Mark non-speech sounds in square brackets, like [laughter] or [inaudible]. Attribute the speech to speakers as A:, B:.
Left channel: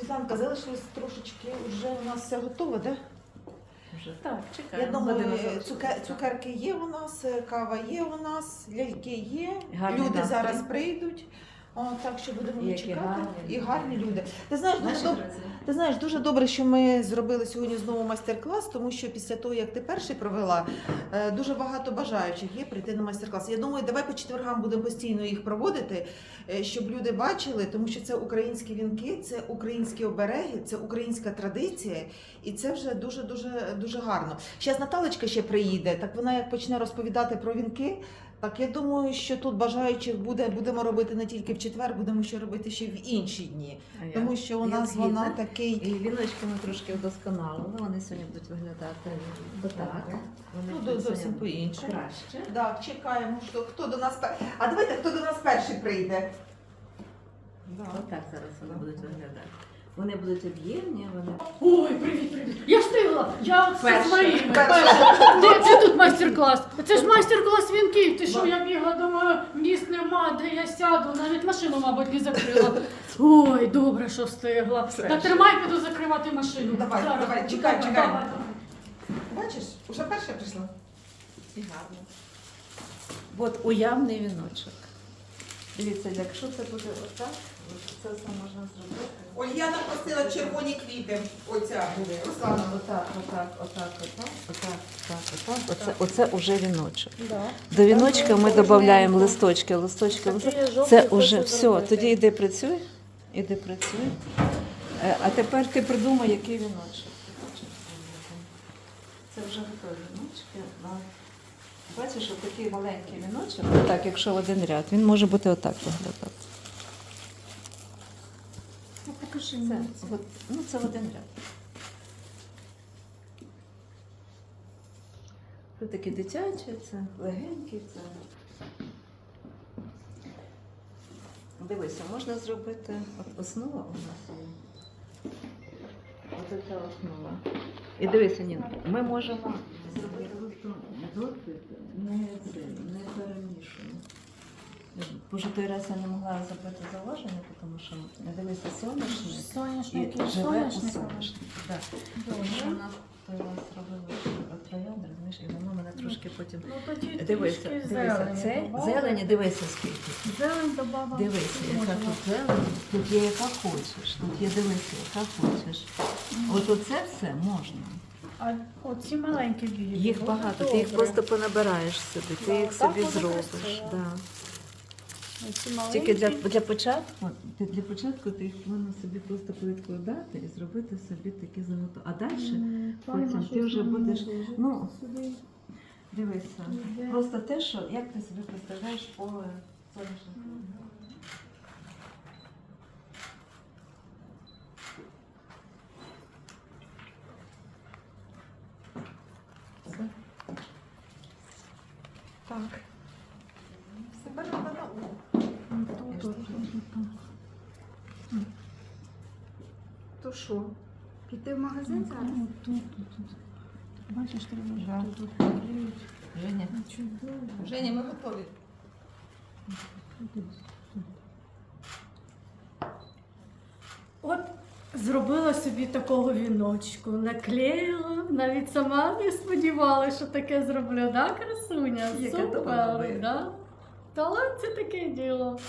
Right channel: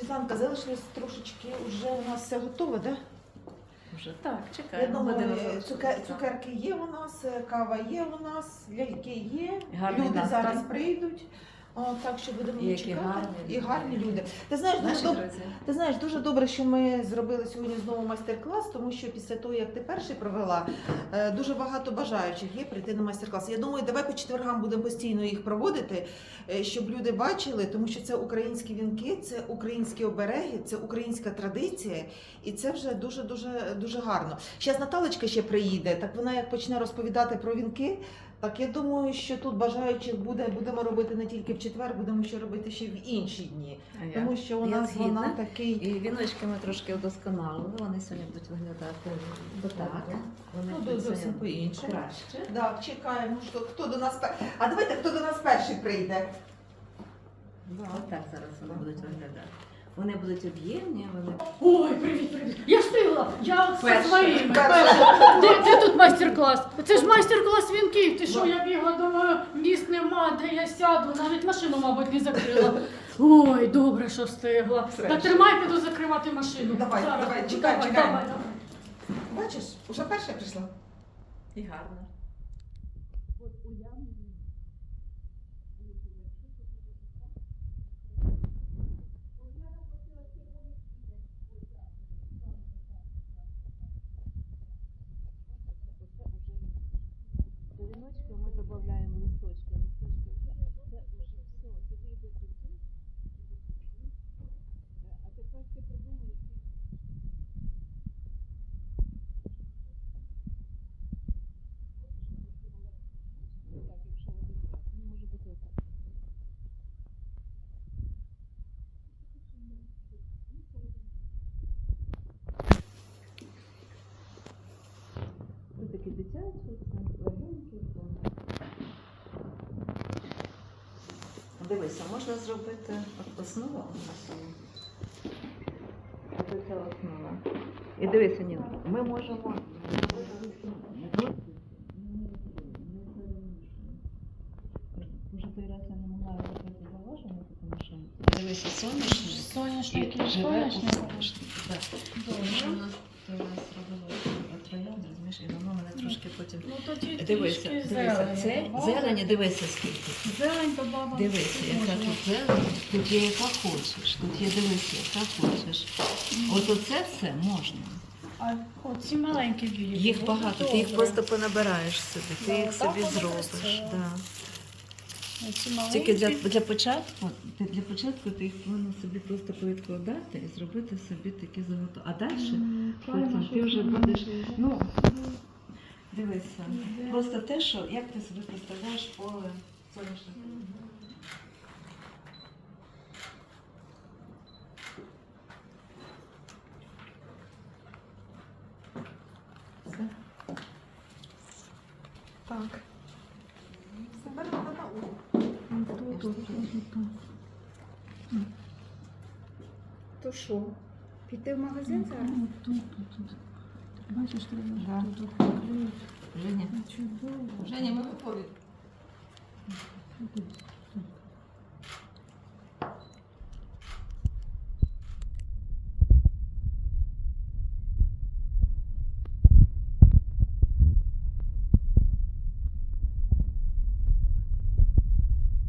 A: Світланка, залишилось трошечки, вже у нас все готове, так? Да?
B: Вже
C: Так,
A: Я думаю, цукер, цукерки є у нас, кава є у нас, ляльки є.
B: Гарний
A: люди
B: настрій.
A: зараз прийдуть. О, так що будемо
B: І
A: чекати.
B: гарні
A: і гарні люди. Ти знаєш, дуже добре. Ти знаєш, дуже добре, що ми зробили сьогодні знову майстер-клас, тому що після того, як ти перший провела, е, дуже багато бажаючих є прийти на майстер-клас. Я думаю, давай по четвергам будемо постійно їх проводити, е, щоб люди бачили, тому що це українські вінки, це українські обереги, це українська традиція, і це вже дуже дуже дуже гарно. Зараз Наталечка ще приїде, так вона як почне розповідати про вінки. Так я думаю, що тут бажаючих буде будемо робити не тільки в четвер, будемо ще робити ще в інші дні.
B: А
A: Тому що у нас
B: згідна.
A: вона такий.
B: І віночки ми трошки удосконалили. Вони сьогодні будуть виглядати отак. Вони
A: Ну, зовсім по-іншому.
B: краще.
A: Так, чекаємо, що хто до нас пер... А давайте хто до нас перший прийде.
B: Отак зараз вони будуть виглядати. Вони будуть об'ємні, вони
C: Ой, привіт, привіт. Я встигла. Я з
B: Перша.
C: своїми.
A: Перша.
C: Перша. Де, де тут майстер-клас? Це ж майстер-клас вінків. Ти що, я бігла, думаю, місць нема, де я сяду. Навіть машину, мабуть, не закрила. [laughs] Ой, добре, що встигла. Так тримай, піду закривати машину.
A: Давай,
C: Зараз.
A: давай, чекай,
C: Давай,
A: чекай.
C: давай.
A: Бачиш, уже перша прийшла.
B: і гарно. От уявний віночок. Дивіться, якщо це буде отак, це все можна зробити.
A: Ольяна просила червоні квіти. Оця Руслана.
B: Отак, отак, отак, отак, отак, отак, отак. Оце, оце уже віночок.
C: Да.
B: До віночка ми додаємо листочки, листочки, листочки. Це вже все. Тоді йди працюй, іди працюй. Е, А тепер ти придумай, який віночок. Це вже готові віночки. На- Бачиш, от такий маленький віночок, так, якщо в один ряд, він може бути отак виглядати.
C: Ну,
B: Це, от, ну, це один ряд. Це такі дитячі, це легенькі, це. Дивися, можна зробити от основа у нас є. Ця основа. І дивися, Ніна, ми можемо це, не перемішано. Боже, той раз я не могла зробити зауваження, тому що дивися, сонячне
C: Соняшник
B: і живе у
C: соняшник.
B: соняшнику. Так. Розумієш, і воно мене трошки потім.
C: Ну тоді
B: Дивися,
C: трішки
B: дивися,
C: зелені
B: це
C: добавили.
B: зелені, дивися скільки.
C: Зелень добавила.
B: Дивися, яка тут зелень, тут є яка хочеш, тут є дивися, яка хочеш. От оце все можна.
C: А оці маленькі білі.
B: Їх багато, ти їх
C: добре.
B: просто понабираєш собі, ти їх
C: так
B: собі
C: воно
B: зробиш.
C: красиво.
B: Да. Тільки для, для початку, для початку ти їх повинна собі просто повідкладати і зробити собі такі заготовки. А далі
C: М,
B: потім ти вже будеш. Ну, дивися.
C: Мгм.
B: Просто те, що як ти собі представляєш поле соняшника.
A: Так. Все беремо на ум.
C: Тут.
D: То що? Піти в магазин зараз?
C: Ну, тут, тут, тут. Бачиш, треба
A: Да.
C: тут тут.
B: Женя,
C: Чудово.
A: Женя, ми готові.
C: От зробила собі такого віночку, наклеїла, навіть сама не сподівалася, що таке зроблю, да, красуня? Супер, да? Талант це таке діло.